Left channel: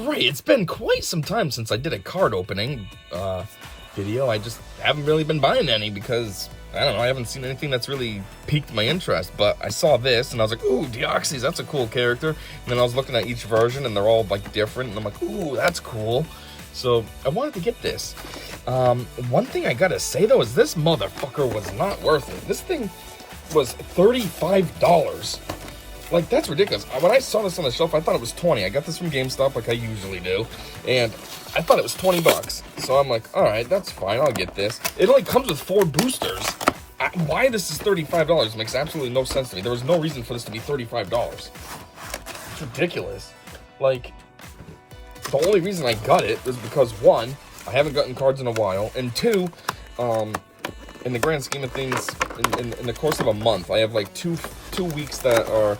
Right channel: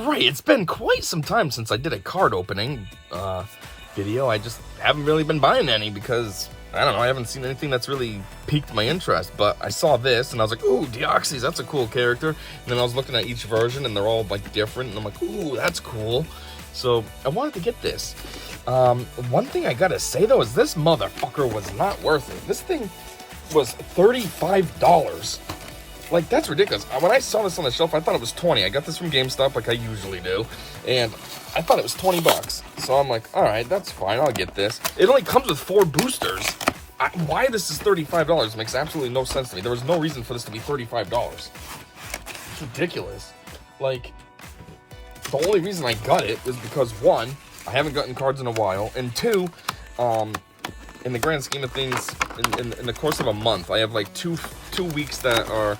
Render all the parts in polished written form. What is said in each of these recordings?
Alright, it's been quite some time since I did a card opening video. I just haven't really been buying any because, I don't know, I haven't seen anything that's really piqued my interest. But I saw this and I was like, ooh, Deoxys, that's a cool character. And then I was looking at each version and they're all like different. And I'm like, ooh, that's cool. So I wanted to get this. One thing I gotta say though is this motherfucker was not worth it. This thing was $35. Like, that's ridiculous. When I saw this on the shelf, I thought it was 20. I got this from GameStop like I usually do. And I thought it was 20 bucks. So I'm like, all right, that's fine. I'll get this. It only comes with 4 boosters. Why this is $35 makes absolutely no sense to me. There was no reason for this to be $35. It's ridiculous. Like, the only reason I got it is because, one, I haven't gotten cards in a while. And two, in the grand scheme of things, in the course of a month, I have like two weeks that are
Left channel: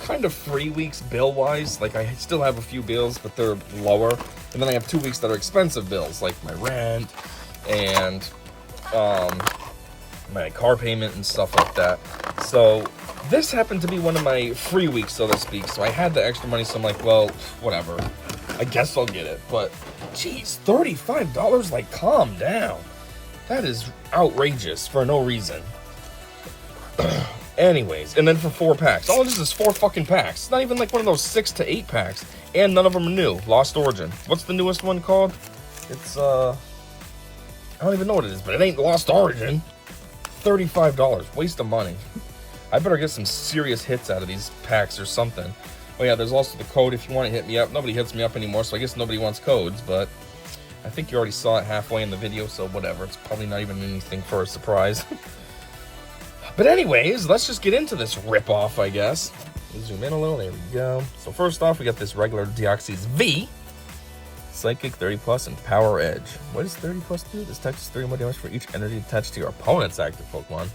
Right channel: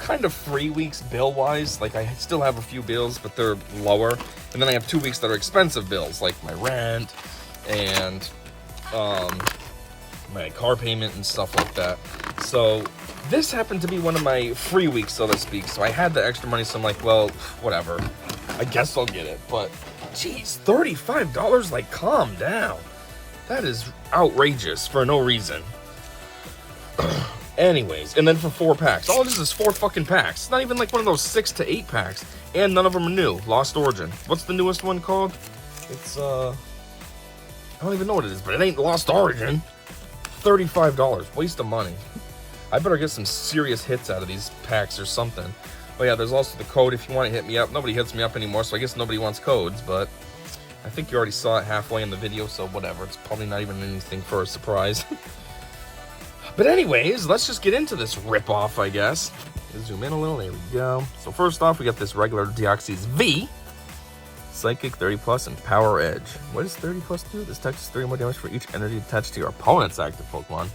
kind of 3 weeks bill-wise. Like, I still have a few bills, but they're lower. And then I have 2 weeks that are expensive bills, like my rent and my car payment and stuff like that. So this happened to be one of my free weeks, so to speak. So I had the extra money, so I'm like, well, whatever. I guess I'll get it. But, geez, $35? Like, calm down. That is outrageous for no reason. Anyways, and then for 4 packs. All this is 4 fucking packs. It's not even like one of those 6 to 8 packs. And none of them are new. Lost Origin. What's the newest one called? It's, I don't even know what it is, but it ain't Lost Origin. $35. Waste of money. I better get some serious hits out of these packs or something. But yeah, there's also the code if you want to hit me up. Nobody hits me up anymore, so I guess nobody wants codes, but I think you already saw it halfway in the video, so whatever. It's probably not even anything for a surprise. But anyways, let's just get into this rip-off, I guess. Zoom in a little, there we go. So first off, we got this regular Deoxys V. Psychic 30 plus and Power Edge. What does 30 plus do? This attack is 30 more damage for each energy attached to your opponent's active Pokemon.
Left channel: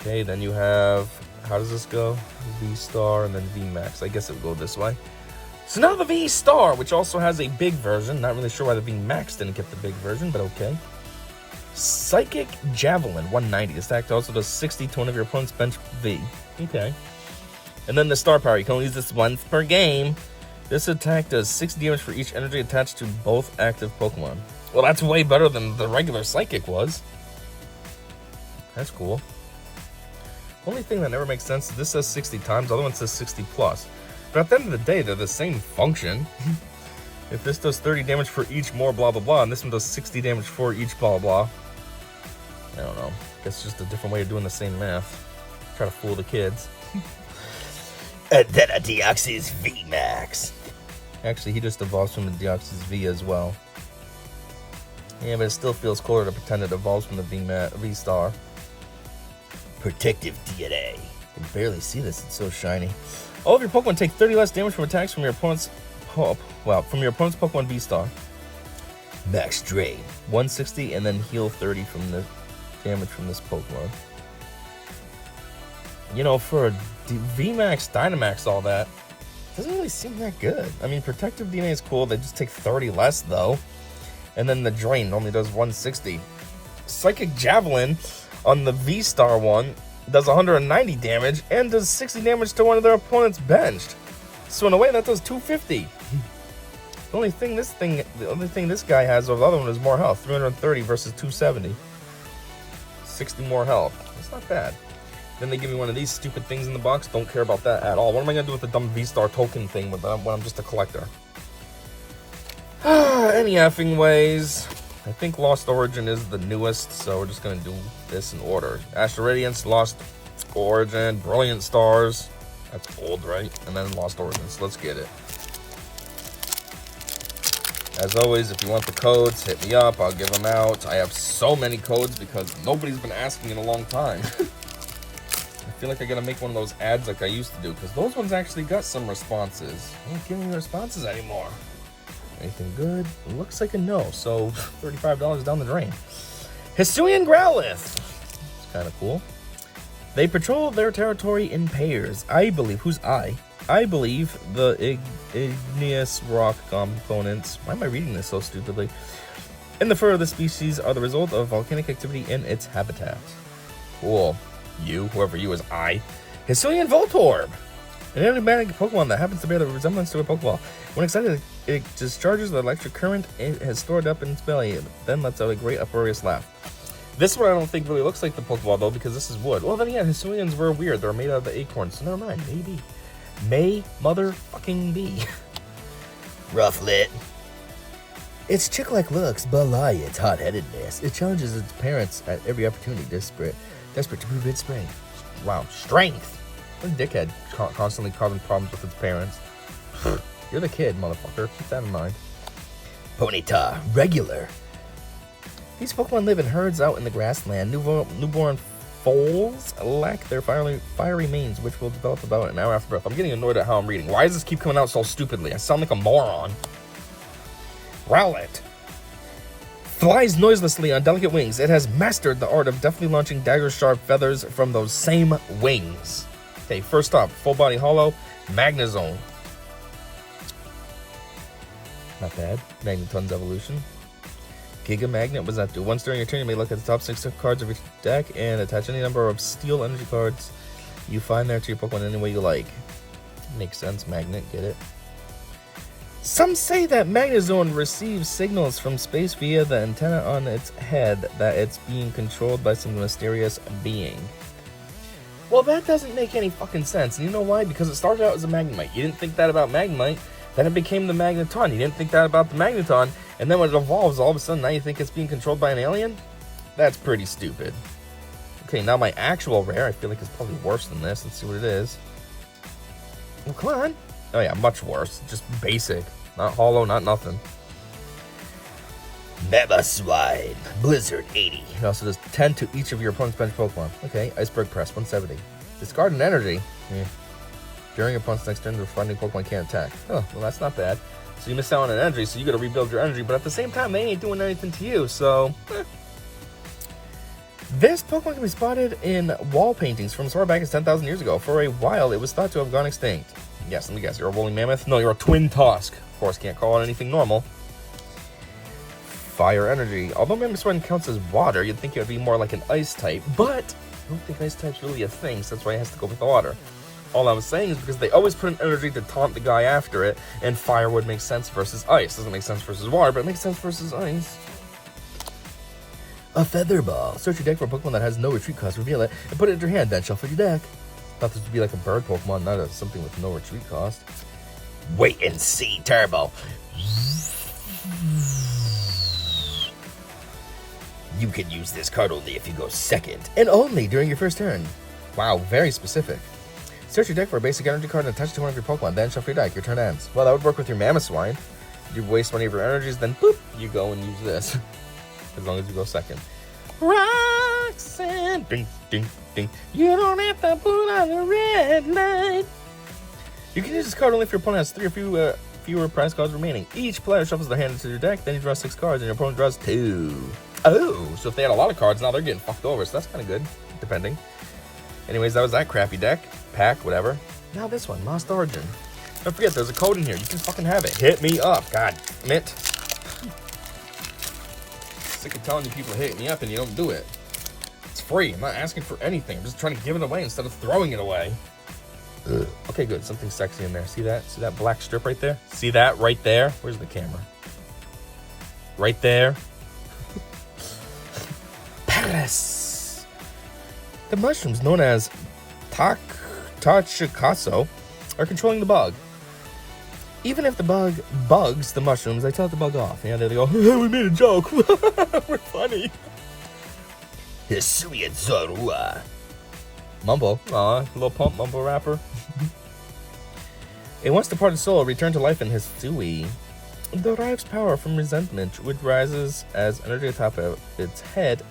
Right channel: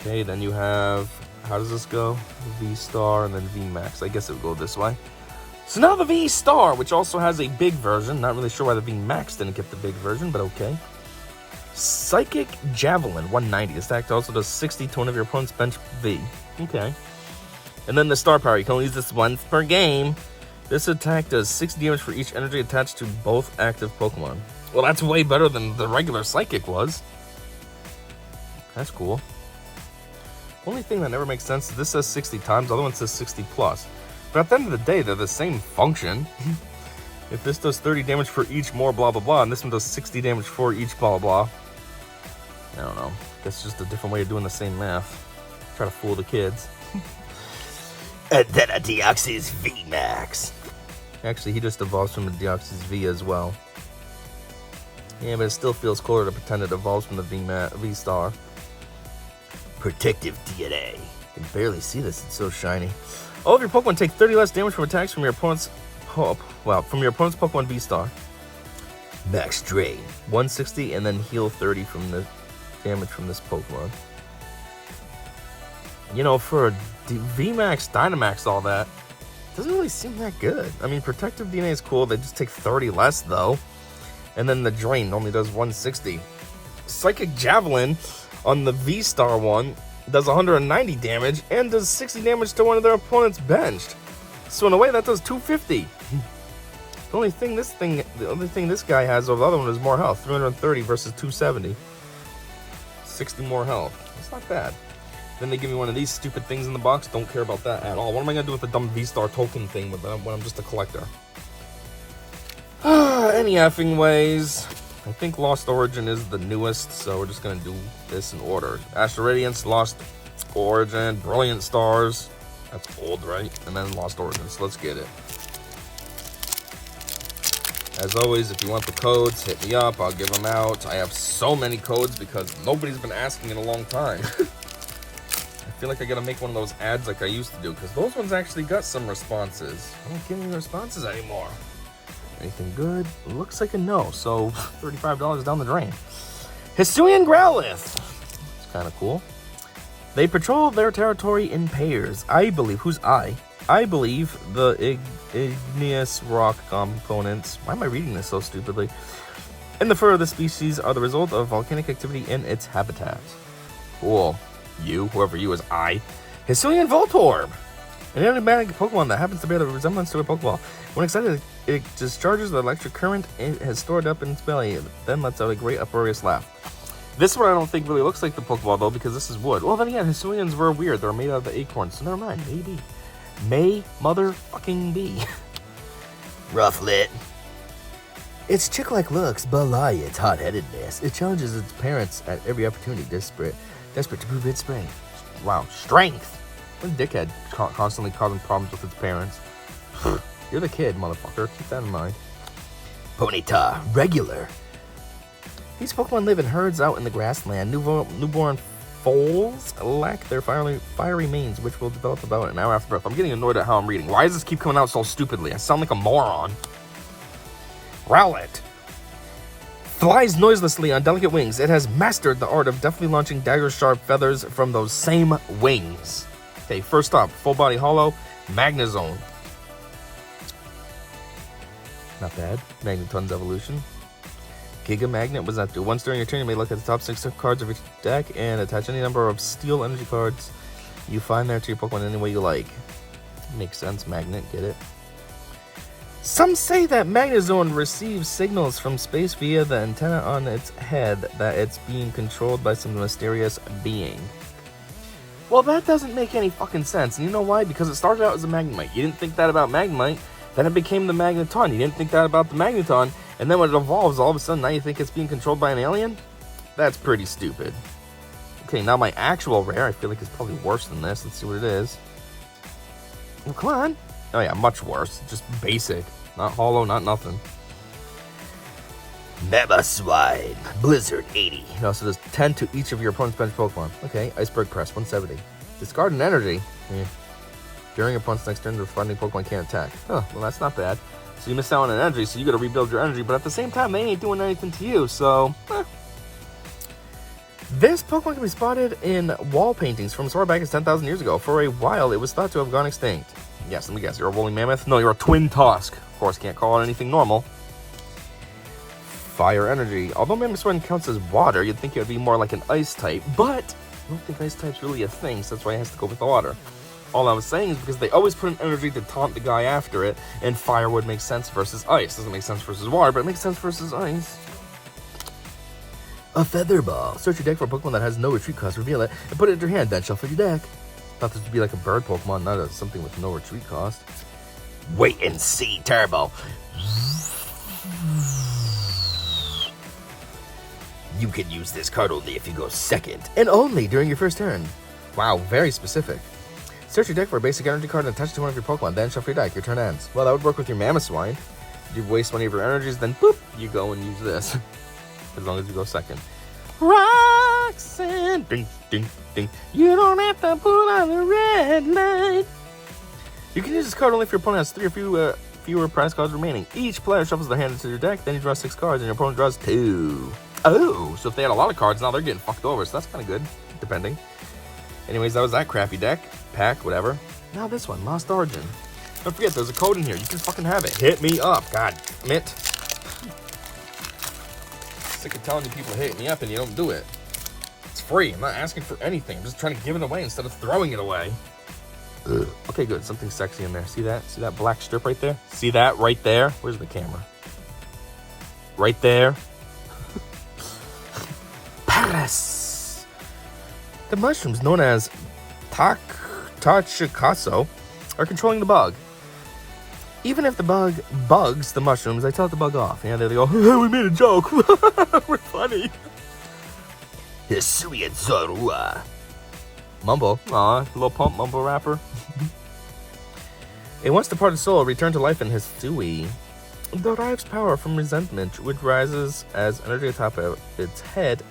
Okay, then you have, how does this go? VStar and then VMax. I guess it would go this way. So now the VStar, which also has a big version. Not really sure why the VMax didn't get the big version, but okay. Psychic Javelin, 190. This attack also does 60 to one of your opponent's bench V. Okay. And then the Star Power, you can only use this once per game. This attack does 60 damage for each energy attached to both active Pokemon. Well, that's way better than the regular Psychic was. That's cool. Only thing that never makes sense is this says 60 times, the other one says 60 plus. But at the end of the day, they're the same function. If this does 30 damage for each more blah blah blah, and this one does 60 damage for each blah blah. I don't know. I guess it's just a different way of doing the same math. Try to fool the kids. And then a Deoxys VMax. Actually, he just evolves from the Deoxys V as well. Yeah, but it still feels cooler to pretend it evolves from the V-Star. Protective DNA. You can barely see this, it's so shiny. All of your Pokemon take 30 less damage from attacks from your opponent's Pokemon V-Star. Max Drain, 160, and then heal 30 from the damage from this Pokemon. You know, for a VMax, Dynamax, all that, doesn't really seem that good. I mean, Protective DNA is cool. They just take 30 less, though. And then the Drain only does 160. Psychic Javelin on the V-Star one does 190 damage and does 60 damage to one of their opponent's benched. So in a way, that does 250. The only thing this guy has over the other one is more health. 330 versus 270. 60 more health. That's not bad. Then they give me one of these stupid things in the box. Don't care about that at all. What am I going to do with the dumb V-Star token thing when I'm just a collector? Any effing ways. I think Lost Origin is the newest, so we're just going to do this in order. Astral Radiance, Lost Origin, Brilliant Stars. That's old, right? And then Lost Origin. So let's get it. As always, if you want the codes, hit me up. I'll give them out. I have so many codes because nobody's been asking in a long time. I feel like I gotta make one of those ads like I used to do, because those ones actually got some responses. I don't get any responses anymore. Anything good? It looks like a no, so $35 down the drain. Hisuian Growlithe. It's kind of cool. They patrol their territory in pairs. I believe, who's I? I believe the igneous rock components, why am I reading this so stupidly? In the fur of the species are the result of volcanic activity in its habitat. Cool. You, whoever you is I. Hisuian Voltorb. An enigmatic Pokemon that happens to bear the resemblance to a Pokeball. When excited, it discharges the electric current it has stored up in its belly, and then lets out a great uproarious laugh. This one I don't think really looks like the Pokeball, though, because this is wood. Well, then again, Hisuians were weird. They were made out of the acorns, so never mind. Maybe. May motherfucking be. Rufflet. Its chick-like looks belie its hot-headedness. It challenges its parents at every opportunity, desperate to prove its strength. Wow, strength. What a dickhead, constantly causing problems with its parents. You're the kid, motherfucker. Keep that in mind. Ponyta, regular. These Pokemon live in herds out in the grassland. Newborn foals lack their fiery manes, which will develop about an hour after birth. I'm getting annoyed at how I'm reading. Why does this keep coming out so stupidly? I sound like a moron. Rowlet flies noiselessly on delicate wings. It has mastered the art of deftly launching dagger-sharp feathers from those same wings. Okay, first up, full body holo, Magnezone. Not bad. Magneton's evolution. Giga Magnet, what does that do? Once during your turn, you may look at the top 6 cards of your deck and attach any number of steel energy cards you find there to your Pokemon any way you like. Makes sense, Magnet, get it? Some say that Magnezone receives signals from space via the antenna on its head that it's being controlled by some mysterious being. Well, that doesn't make any fucking sense. And you know why? Because it started out as a Magnemite. You didn't think that about Magnemite, then it became the Magneton. You didn't think that about the Magneton, and then when it evolves, all of a sudden now you think it's being controlled by an alien? That's pretty stupid. Okay, now my actual rare, I feel like it's probably worse than this. Let's see what it is. Oh, come on. Oh yeah, much worse. Just basic. Not holo, not nothing. Mamoswine, Blizzard 80. It also does 10 to each of your opponent's bench Pokemon. Okay, Iceberg Press, 170. Discard an energy. During your opponent's next turn, the responding Pokemon can't attack. Oh, well that's not bad. So you miss out on an energy, so you gotta rebuild your energy, but at the same time, they ain't doing anything to you, so... This Pokemon can be spotted in wall paintings from as far back as 10,000 years ago. For a while, it was thought to have gone extinct. Yes, let me guess, you're a woolly mammoth? No, you're a twin tusk. Of course, can't call it anything normal. Fire energy. Although Mamoswine counts as water, you'd think it would be more like an ice type, but I don't think ice type's really a thing, so that's why it has to go with the water. All I was saying is because they always put an energy to taunt the guy after it, and fire would make sense versus ice. Doesn't make sense versus water, but it makes sense versus ice. A Feather Ball. Search your deck for a Pokemon that has no retreat cost, reveal it, and put it in your hand, then shuffle your deck. Thought this would be like a bird Pokemon, not something with no retreat cost. Wait and see, Turbo. You can use this card only if you go second, and only during your first turn. Wow, very specific. Search your deck for a basic energy card and attach it to one of your Pokemon, then shuffle your deck. Your turn ends. Well, that would work with your Mamoswine. You waste one of your energies, then boop, you go and use this. As long as you go second. Roxanne, ding, ding, ding. You don't have to put on the red light. You can use this card only if your opponent has 3 or fewer prize cards remaining. Each player shuffles their hand into your deck, then you draw 6 cards, and your opponent draws 2. Oh, so if they had a lot of cards, now they're getting fucked over, so that's kind of good, depending. Anyways, that was that crappy deck. Pack, whatever. Now this one, Lost Origin. Don't forget, there's a code in here. You can fucking have it. Hit me up. God damn it. Sick of telling you people to hit me up and you don't do it. It's free. I'm not asking for anything. I'm just trying to give it away instead of throwing it away. Ugh. Okay, good. Something sexy in there. See that? See that black strip right there? See that right there? Where's the camera? Right there. Paris. The mushrooms known as Tachikaso are controlling the bug. Even if the bug bugs the mushrooms, they tell it to bug off. Yeah, they go, we made a joke. We're funny. Hisuian Zorua. Mumble. Aw, little pump mumble rapper. A once departed soul returned to life in Hisui. It derives power from resentment, which rises as energy atop its head.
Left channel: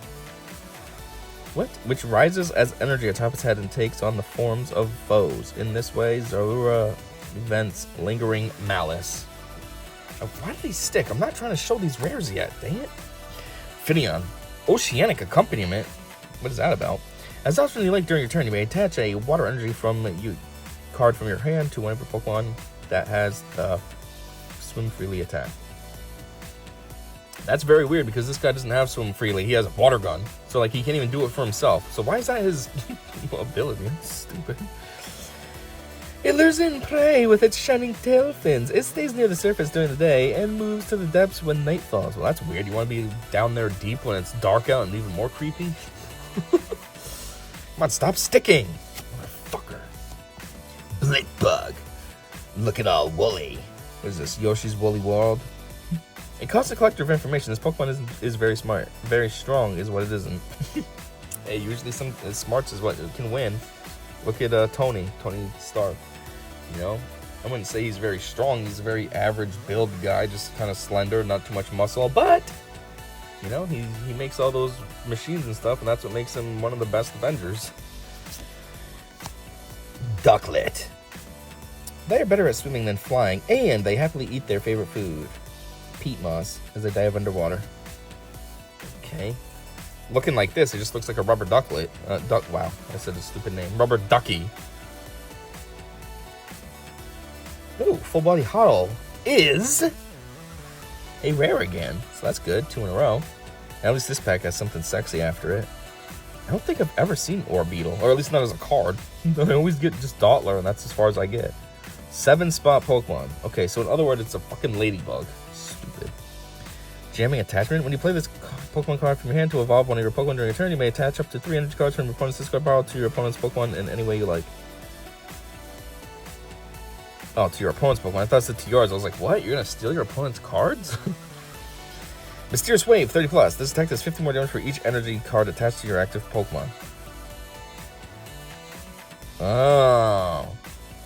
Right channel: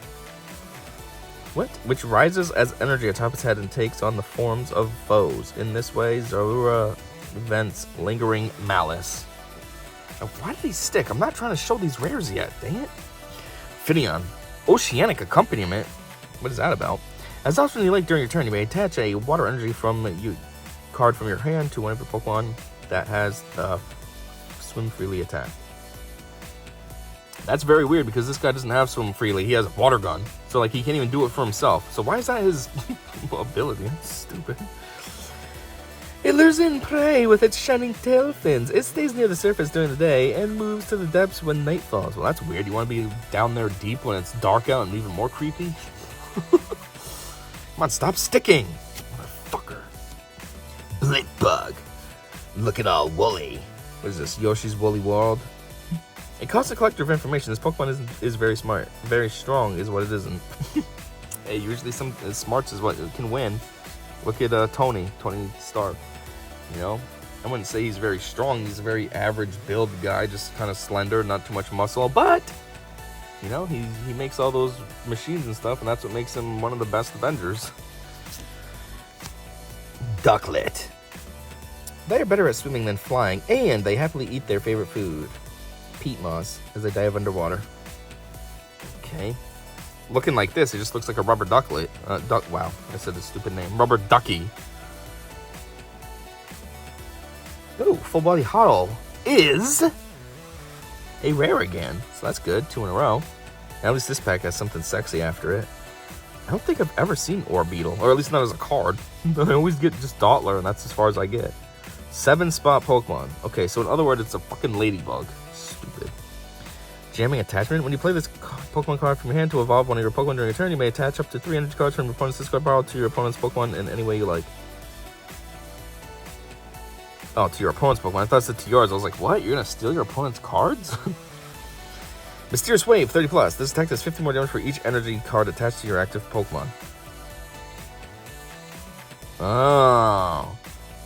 What? Which rises as energy atop its head and takes on the forms of foes. In this way, Zorua vents lingering malice. Now, why did he stick? I'm not trying to show these rares yet. Dang it. Finneon. Oceanic accompaniment. What is that about? As often as you like during your turn, you may attach a water energy card from your hand to one of your Pokemon that has swim freely attack. That's very weird because this guy doesn't have swim freely. He has a water gun. So like he can't even do it for himself. So why is that his ability? That's stupid. It lures in prey with its shining tail fins. It stays near the surface during the day and moves to the depths when night falls. Well, that's weird. You want to be down there deep when it's dark out and even more creepy? Come on, stop sticking. Motherfucker. Blitbug. Looking all woolly. What is this? Yoshi's Woolly World? A constant collector of information. This Pokemon is very smart. Very strong is what it isn't. Hey, usually some smarts is what can win. Look at Tony Stark. You know, I wouldn't say he's very strong. He's a very average build guy, just kind of slender, not too much muscle. But you know, he makes all those machines and stuff, and that's what makes him one of the best Avengers. Ducklet. They are better at swimming than flying, and they happily eat their favorite food, peat moss, as they dive underwater. Okay. Looking like this, it just looks like a rubber ducklet. Wow, I said a stupid name. Rubber ducky. Ooh, full body huddle is a rare again. So that's good, 2 in a row. At least this pack has something sexy after it. I don't think I've ever seen Orbeetle, or at least not as a card. I always get just Dottler, and that's as far as I get. 7-spot Pokemon. Okay, so in other words, it's a fucking ladybug. Stupid. Jamming attachment. When you play this Pokemon card from your hand to evolve one of your Pokemon during your turn, you may attach up to 3 energy cards from your opponent's discard pile to your opponent's Pokemon in any way you like. Oh, to your opponent's Pokemon. I thought it said to yours. I was like, what? You're gonna steal your opponent's cards? Mysterious Wave, 30+. This attack does 50 more damage for each energy card attached to your active Pokemon. Oh.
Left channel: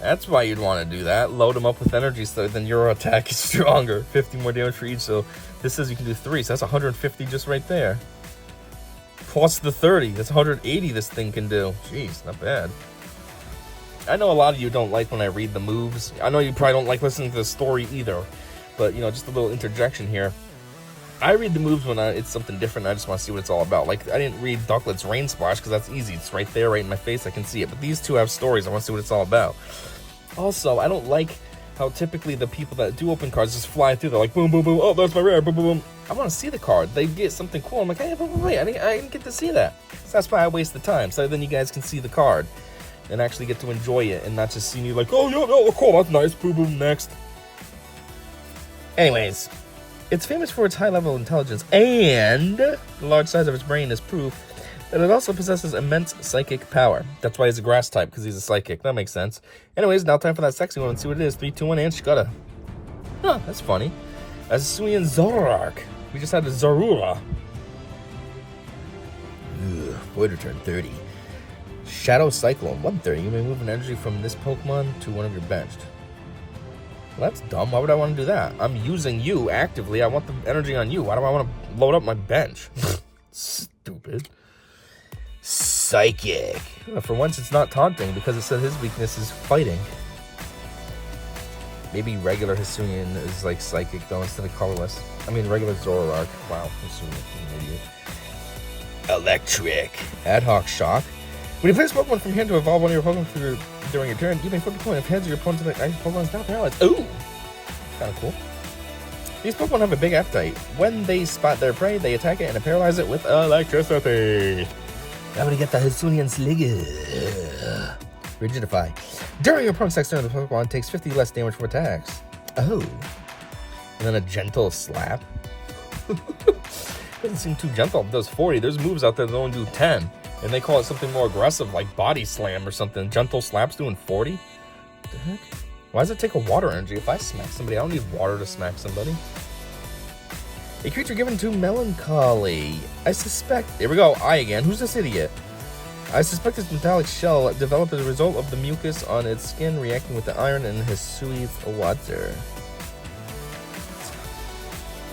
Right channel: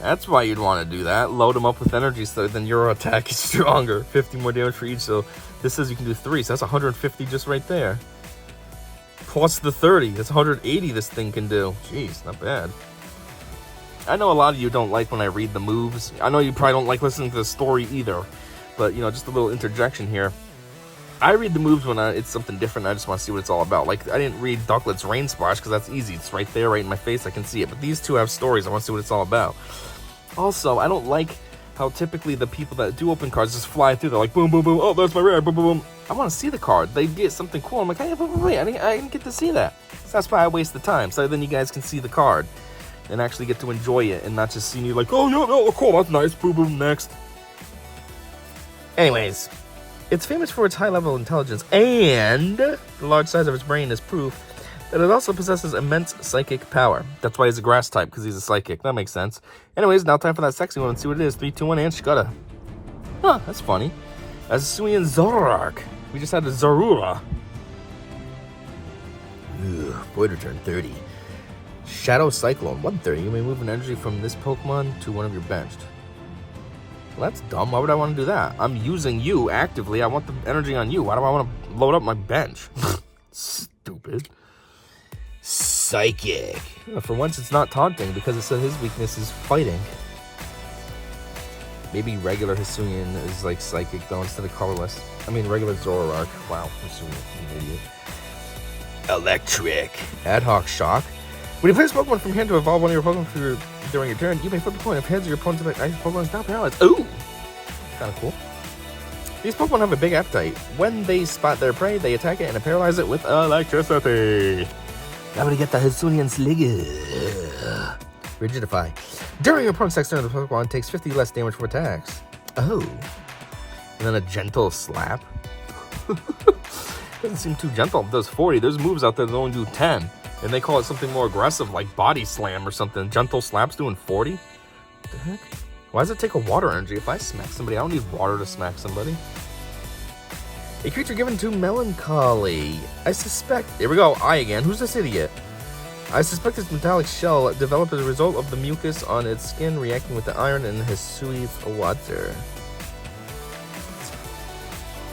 That's why you'd want to do that. Load them up with energy so then your attack is stronger. 50 more damage for each. So this says you can do 3. So that's 150 just right there. Plus the 30. That's 180 this thing can do. Jeez, not bad. I know a lot of you don't like when I read the moves. I know you probably don't like listening to the story either. But, you know, just a little interjection here. I read the moves when it's something different. I just want to see what it's all about. Like, I didn't read Ducklet's Rain Splash because that's easy. It's right there, right in my face. I can see it. But these two have stories. I want to see what it's all about. Also, I don't like how typically the people that do open cards just fly through. They're like, boom, boom, boom. Oh, there's my rare. Boom, boom, boom. I want to see the card. They get something cool. I'm like, hey, wait. I didn't get to see that. So that's why I waste the time. So then you guys can see the card and actually get to enjoy it and not just see me like, oh, yeah, no, cool. That's nice. Boom, boom, next. Anyways, it's famous for its high level of intelligence, and the large size of its brain is proof that it also possesses immense psychic power. That's why he's a grass type, because he's a psychic. That makes sense. Anyways, now time for that sexy one. Let's see what it is. 3, 2, 1, and Shkutta. Huh, that's funny. Azasuian Zoroark. We just had a Zorua. Void return 30. Shadow Cyclone, 130. You may move an energy from this Pokemon to one of your benched. Well, that's dumb. Why would I want to do that? I'm using you actively. I want the energy on you. Why do I want to load up my bench? Stupid. Psychic. For once, it's not taunting because it said his weakness is fighting. Maybe regular Hisuian is like psychic though instead of colorless. I mean, regular Zoroark. Wow, Hisuian, an idiot. Electric. Ad hoc shock. When you play this Pokemon from hand to evolve one of your Pokemon during your turn, you may flip a coin. If heads, your opponent's Pokemon is now paralyzed. Ooh! Kind of cool. These Pokemon have a big appetite. When they spot their prey, they attack it and paralyze it with electricity. I'm gonna get the Hisuian Sligger. Rigidify. During your opponent's next turn, the Pokemon takes 50 less damage for attacks. Oh. And then a gentle slap. Doesn't seem too gentle. It does 40. There's moves out there that only do 10. And they call it something more aggressive, like body slam or something. Gentle slaps doing 40? What the heck? Why does it take a water energy? If I smack somebody, I don't need water to smack somebody. A creature given to melancholy. I suspect... Here we go. I again. Who's this idiot? I suspect its metallic shell developed as a result of the mucus on its skin reacting with the iron in Hisui's water.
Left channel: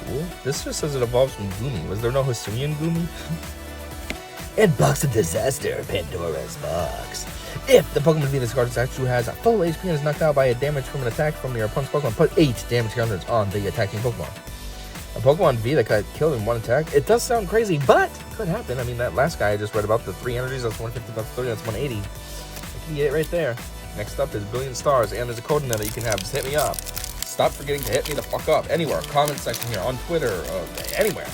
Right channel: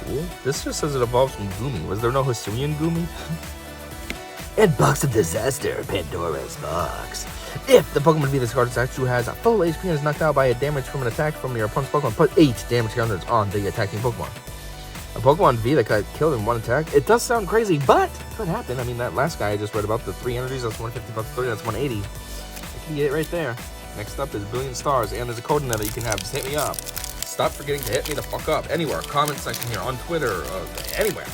Cool. This just says it evolves from Goomy. Was there no Hisuian Goomy? And Box of Disaster, Pandora's Box. If the Pokemon V this card attacks who has a full HP and is knocked out by a damage from an attack from your opponent's Pokemon, put 8 damage counters on the attacking Pokemon. A Pokemon V that got killed in one attack. It does sound crazy, but it could happen. I mean, that last guy I just read about, the 3 energies, that's 150 plus 30, that's 180. You can get it right there. Next up is Billion Stars, and there's a code in there that you can have. Just hit me up. Stop forgetting to hit me the fuck up. Anywhere. Comment section here, on Twitter, anywhere.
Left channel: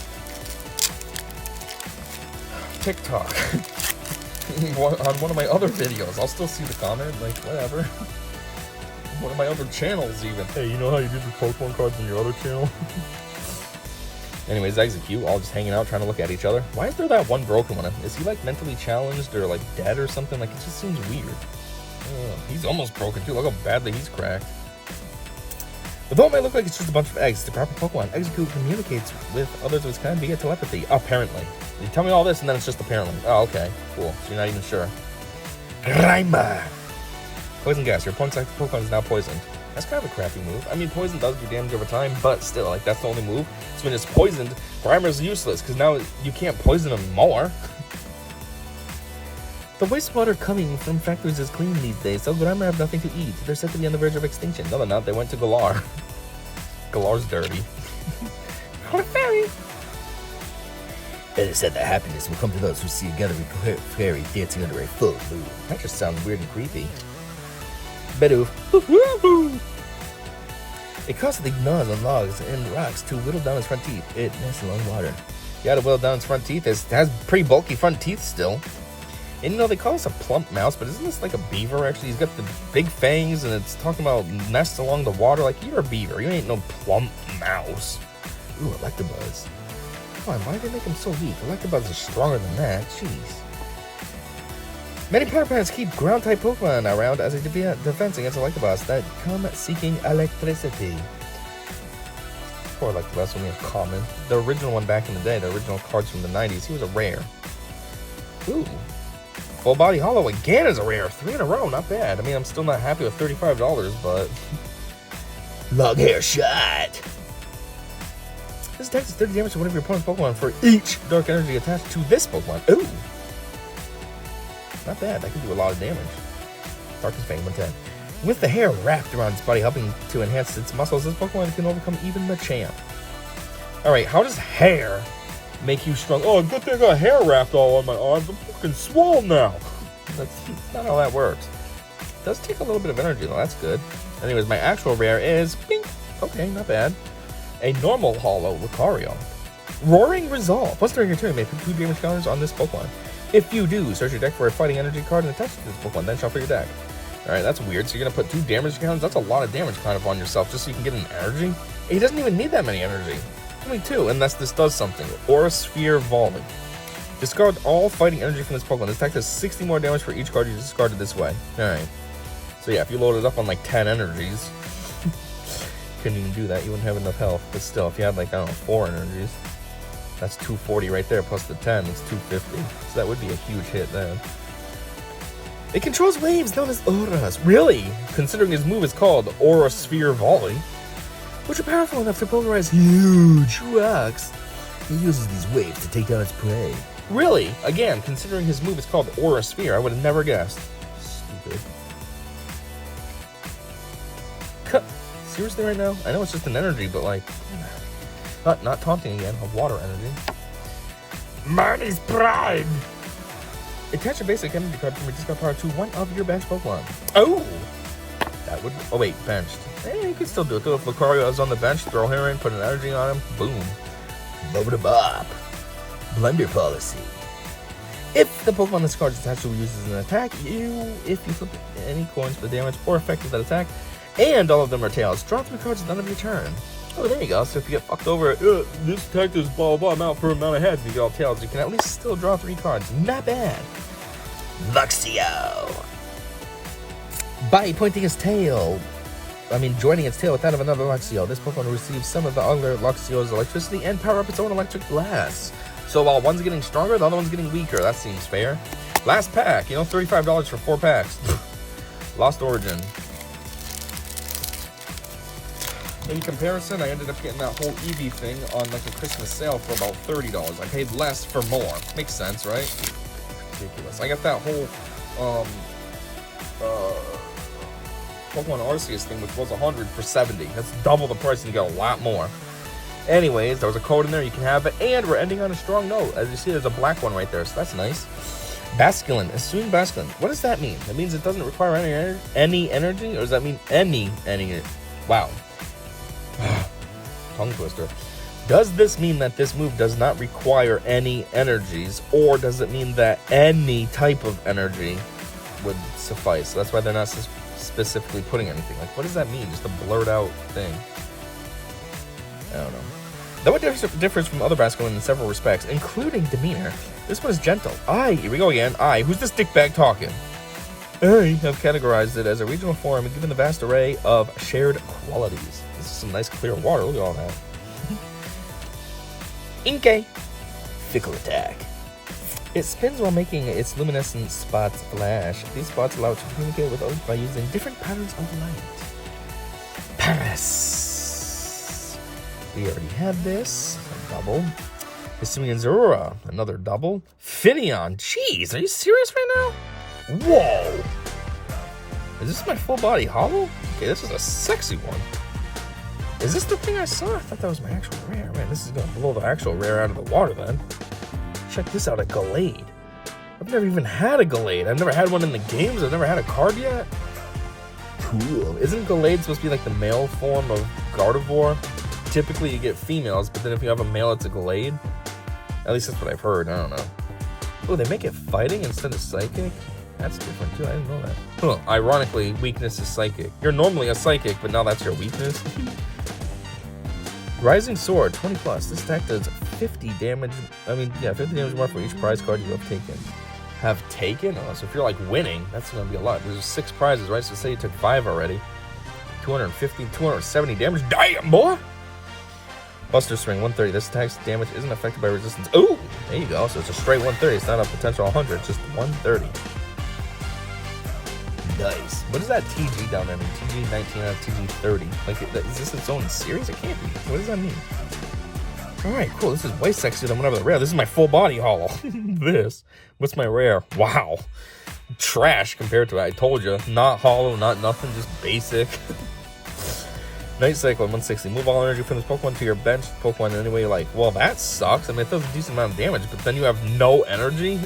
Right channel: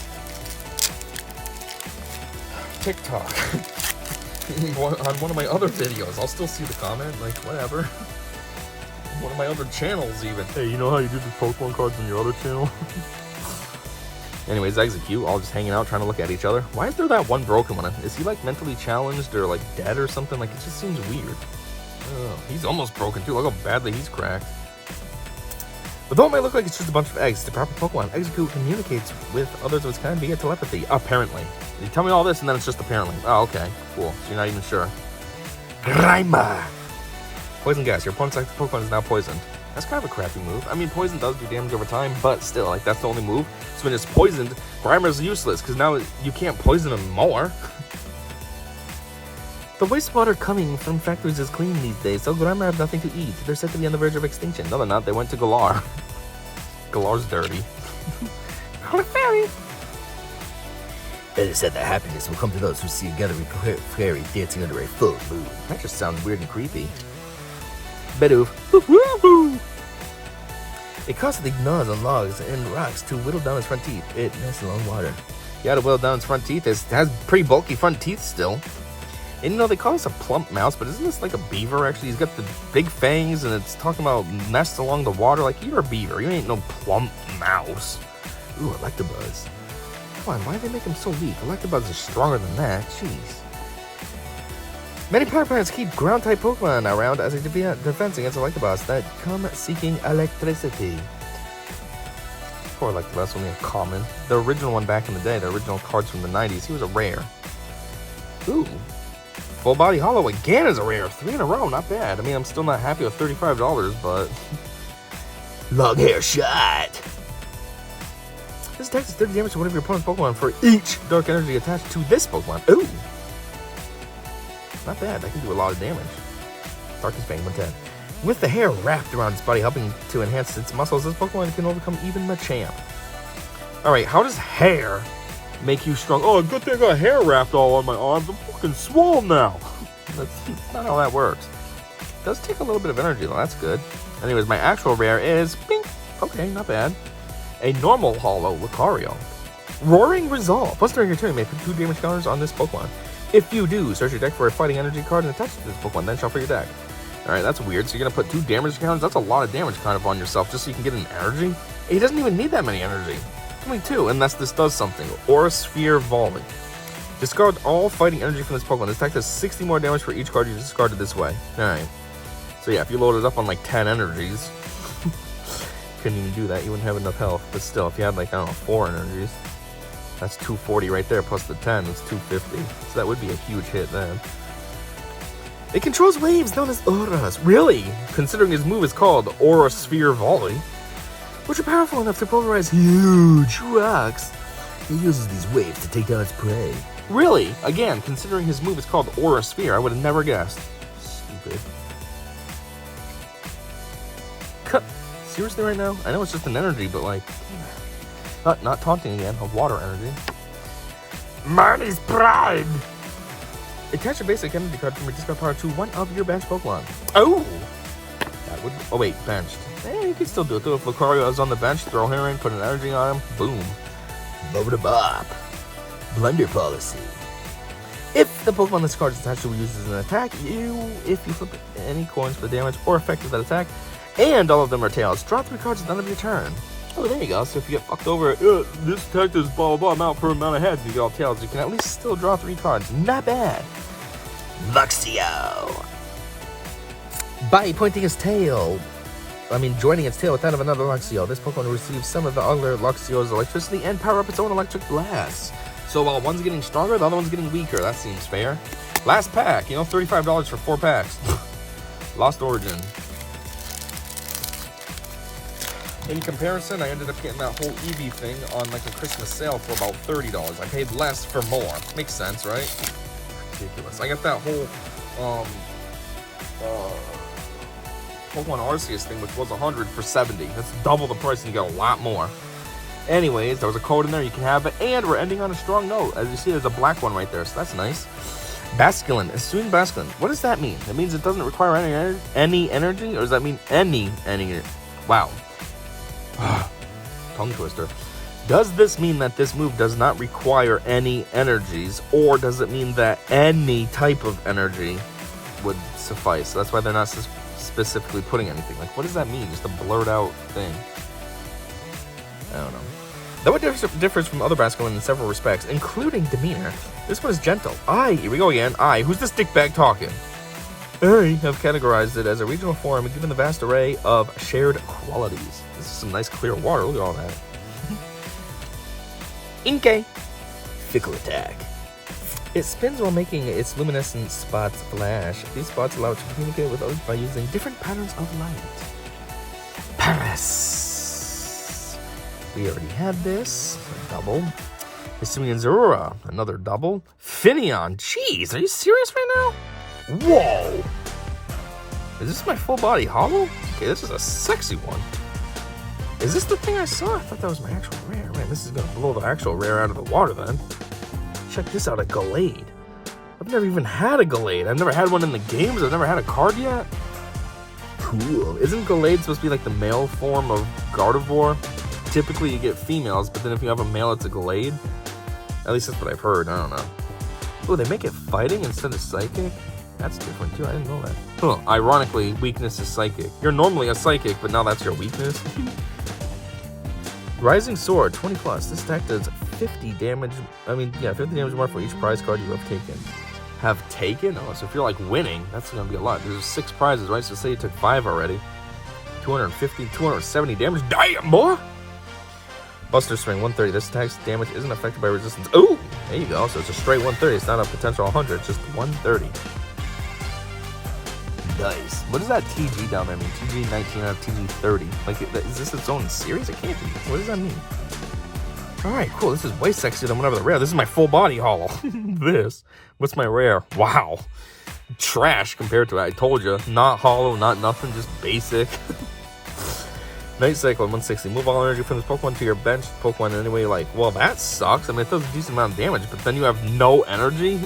TikTok. On one of my other videos. I'll still see the comment, like, whatever. one of my other channels even. Hey, you know how you do the Pokemon cards on your other channel? Anyways, Execute, all just hanging out, trying to look at each other. Why is there that one broken one? Is he like mentally challenged or like dead or something? Like, it just seems weird. He's almost broken too. Look how badly he's cracked. But though it might look like it's just a bunch of eggs, the proper Pokemon, Execute communicates with others of its kind via telepathy. Apparently. You tell me all this and then it's just apparently. Oh, okay. Cool. So you're not even sure. Grimer! Poison gas. Your opponent's active Pokemon is now poisoned. That's kind of a crappy move. I mean, poison does do damage over time, but still, like, that's the only move. So when it's poisoned, Grimer's useless, because now you can't poison him more. The wastewater coming from factories is clean these days, so Grimer have nothing to eat. They're said to be on the verge of extinction. No, they're not. They went to Galar. Galar's dirty. It is said that happiness will come to those who see a gathering fairy dancing under a full moon. That just sounds weird and creepy. Bedoof. It constantly gnaws on logs and rocks to whittle down its front teeth. It nests along water. Yeah, to whittle down its front teeth. It has pretty bulky front teeth still. And you know, they call this a plump mouse, but isn't this like a beaver actually? He's got the big fangs and it's talking about nests along the water. Like, you're a beaver. You ain't no plump mouse. Ooh, Electabuzz. Come on, why do they make him so weak? Electabuzz is stronger than that. Jeez. Many power plants keep ground-type Pokemon around as a defense against Electabuzz that come seeking electricity. Poor Electabuzz, only a common. The original one back in the day, the original cards from the 90s, he was a rare. Ooh. Full Body Hollow again is a rare. 3 in a row, not bad. I mean, I'm still not happy with $35, but... Long hair shot. This attack does 30 damage to one of your opponent's Pokemon for each dark energy attached to this Pokemon. Ooh. Not bad, that can do a lot of damage. Darkest Bang, 110. With the hair wrapped around its body, helping to enhance its muscles, this Pokemon can overcome even Machamp. Alright, how does hair make you strong? Oh, good thing I got hair wrapped all on my arms. I'm fucking swole now. That's not how that works. It does take a little bit of energy, though. That's good. Anyways, my actual rare is... Bing! Okay, not bad. A normal Hollow Lucario. Roaring Resolve. Once during your turn, you may put 2 damage counters on this Pokemon. If you do, search your deck for a fighting energy card and attach it to this Pokemon, then shuffle your deck. Alright, that's weird. So you're going to put 2 damage counters? That's a lot of damage kind of on yourself just so you can get an energy? He doesn't even need that many energy. Only 2, unless this does something. Aura Sphere Volley. Discard all fighting energy from this Pokemon. This attack does 60 more damage for each card you discarded this way. Alright. So yeah, if you load it up on like 10 energies, couldn't even do that. You wouldn't have enough health. But still, if you had like, I don't know, 4 energies, that's 240 right there, plus the 10, it's 250. So that would be a huge hit then. It controls waves known as auras. Really? Considering his move is called Aura Sphere Volley, which are powerful enough to pulverize huge rocks. He uses these waves to take down its prey. Really? Again, considering his move is called Aura Sphere, I would have never guessed. Stupid. Seriously right now? I know it's just an energy, but like... Not taunting again, of water energy. Marty's Pride! Attach a basic energy card from your discard power to one of your bench Pokemon. Oh! That would... Oh wait, benched. You can still do it though. If Lucario is on the bench, throw him in, put an energy on him, boom. Boba Bop. Blunder Policy. If the Pokemon this card is attached to uses an attack, if you flip any coins for the damage or effect of that attack, and all of them are tails, draw 3 cards at the end of your turn. Oh, there you go. So if you get fucked over, this attack does blah blah amount per amount of heads, and you get all tails, you can at least still draw 3 cards. Not bad. Luxio. By pointing its tail, joining its tail with that of another Luxio, this Pokemon receives some of the other Luxio's electricity and power up its own electric blast. So while one's getting stronger, the other one's getting weaker. That seems fair. Last pack, $35 for 4 packs. Lost Origin. In comparison, I ended up getting that whole Eevee thing on like a Christmas sale for about $30. I paid less for more. Makes sense, right? Ridiculous. I got that whole Pokemon Arceus thing, which was $100 for $70. That's double the price and you get a lot more. Anyways, there was a code in there, you can have it, and we're ending on a strong note. As you see, there's a black one right there, so that's nice. Basculin, Assumed Basculin. What does that mean? It means it doesn't require any energy, or does that mean any? Wow. Tongue twister. Does this mean that this move does not require any energies, or does it mean that any type of energy would suffice? So that's why they're not specifically putting anything. Like, what does that mean? Just a blurred out thing. I don't know. Though it differs from other Basculin in several respects, including demeanor, this one is gentle. Here we go again. Who's this dickbag talking? I have categorized it as a regional form and given the vast array of shared qualities. This is some nice clear water. Look at all that. Inkay. Fickle attack. It spins while making its luminescent spots flash. These spots allow it to communicate with others by using different patterns of light. Paris. We already had this. A double. Hisuian Zorua. Another double. Finneon. Jeez, are you serious right now? Whoa. Is this my full body holo? Okay, this is a sexy one. Is this the thing I saw? I thought that was my actual rare. Man, this is going to blow the actual rare out of the water then. Check this out, a Gallade. I've never even had a Gallade. I've never had one in the games. I've never had a card yet. Cool. Isn't Gallade supposed to be like the male form of Gardevoir? Typically you get females, but then if you have a male, it's a Gallade. At least that's what I've heard. I don't know. Oh, they make it fighting instead of psychic? That's different too. I didn't know that. Huh. Ironically, weakness is psychic. You're normally a psychic, but now that's your weakness. Rising Sword, 20 plus. This attack does 50 damage. 50 damage more for each prize card you have taken. Have taken? Oh, so if you're like winning, that's going to be a lot. There's 6 prizes, right? So say you took 5 already. 250, 270 damage. Damn, boy! Buster Swing, 130. This attack's damage isn't affected by resistance. Ooh! There you go. So it's a straight 130. It's not a potential 100. It's just 130. Nice. What does that TG down there mean? TG 19 out of TG 30. Like, is this its own series? It can't be. What does that mean? Alright, cool. This is way sexier than whatever the rare. This is my full body holo. This. What's my rare? Wow. Trash compared to it. I told you. Not holo, not nothing. Just basic. Night Cycle 160. Move all energy from this Pokemon to your bench Pokemon in any way you like. Well, that sucks. I mean, it does a decent amount of damage, but then you have no energy.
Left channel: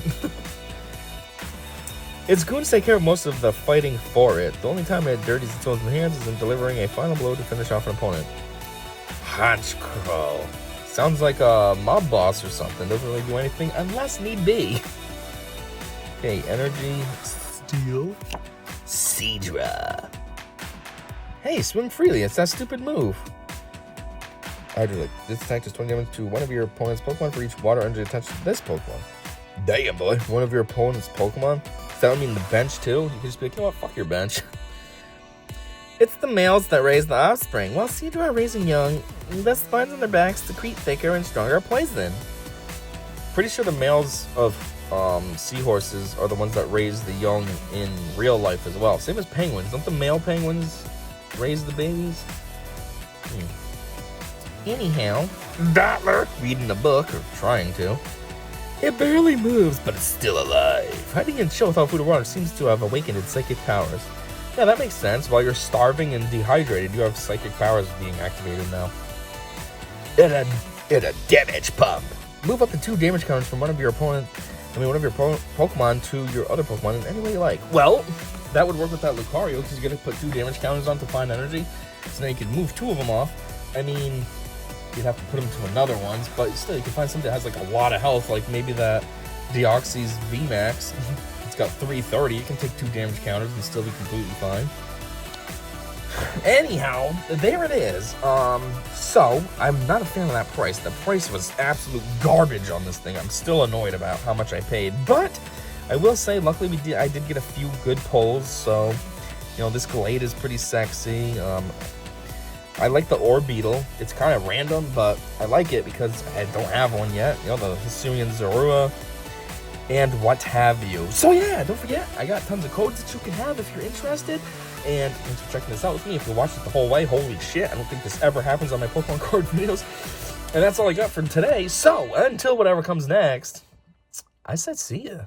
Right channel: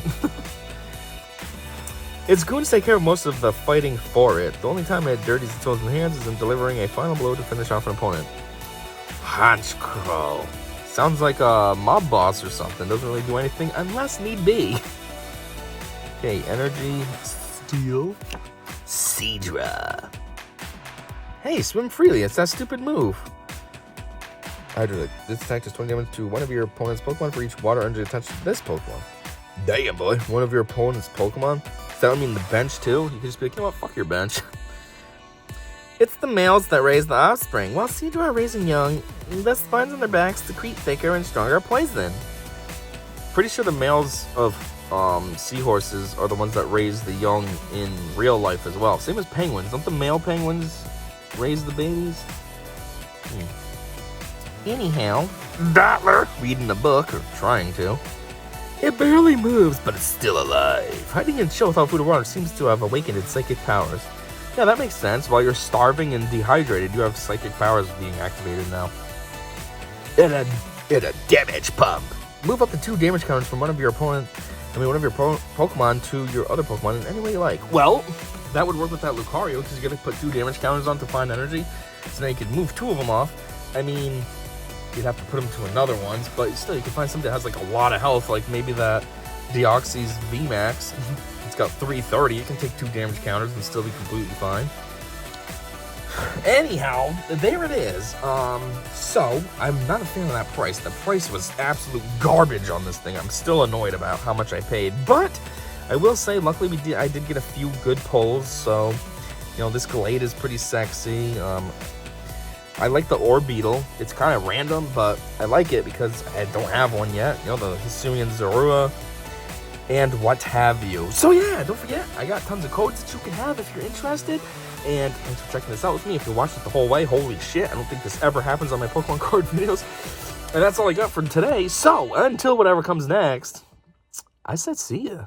Its goons take care of most of the fighting for it. The only time it dirties its own hands is in delivering a final blow to finish off an opponent. Honchkrow. Sounds like a mob boss or something. Doesn't really do anything unless need be. Okay, energy, steel, Seadra. Hey, swim freely. It's that stupid move. Hydralic. This attack does 20 damage to one of your opponent's Pokemon for each water energy attached to this Pokemon. Damn, boy. One of your opponent's Pokemon? Does that mean the bench, too? You can just be like, you know what? Fuck your bench. It's the males that raise the offspring, while Seadra are raising young, thus finds on their backs secrete thicker and stronger poison. Pretty sure the males of seahorses are the ones that raise the young in real life as well. Same as penguins. Don't the male penguins raise the babies? Anyhow, Dottler, reading the book, or trying to. It barely moves, but it's still alive. Hiding in chill without food or water seems to have awakened its psychic powers. Yeah, that makes sense. While you're starving and dehydrated, you have psychic powers being activated now. And a damage pump. Move up to 2 damage counters from one of your Pokemon to your other Pokemon in any way you like. Well, that would work with that Lucario, because you're going to put 2 damage counters on to find energy. So now you can move 2 of them off. I mean, you'd have to put them to another ones, but still, you can find something that has like a lot of health, like maybe that Deoxys VMax. It's got 330. You can take 2 damage counters and still be completely fine. Anyhow, there it is. So I'm not a fan of that price. The price was absolute garbage on this thing. I'm still annoyed about how much I paid, but I will say, luckily I did get a few good pulls. So, you know, this Gallade is pretty sexy. I like the Orbeetle. It's kind of random, but I like it because I don't have one yet. You know, the Hisuian Zorua and what have you. So yeah, don't forget, I got tons of codes that you can have if you're interested. And thanks for checking this out with me. If you watched it the whole way, holy shit, I don't think this ever happens on my Pokemon card videos. And that's all I got for today. So until whatever comes next, I said see ya.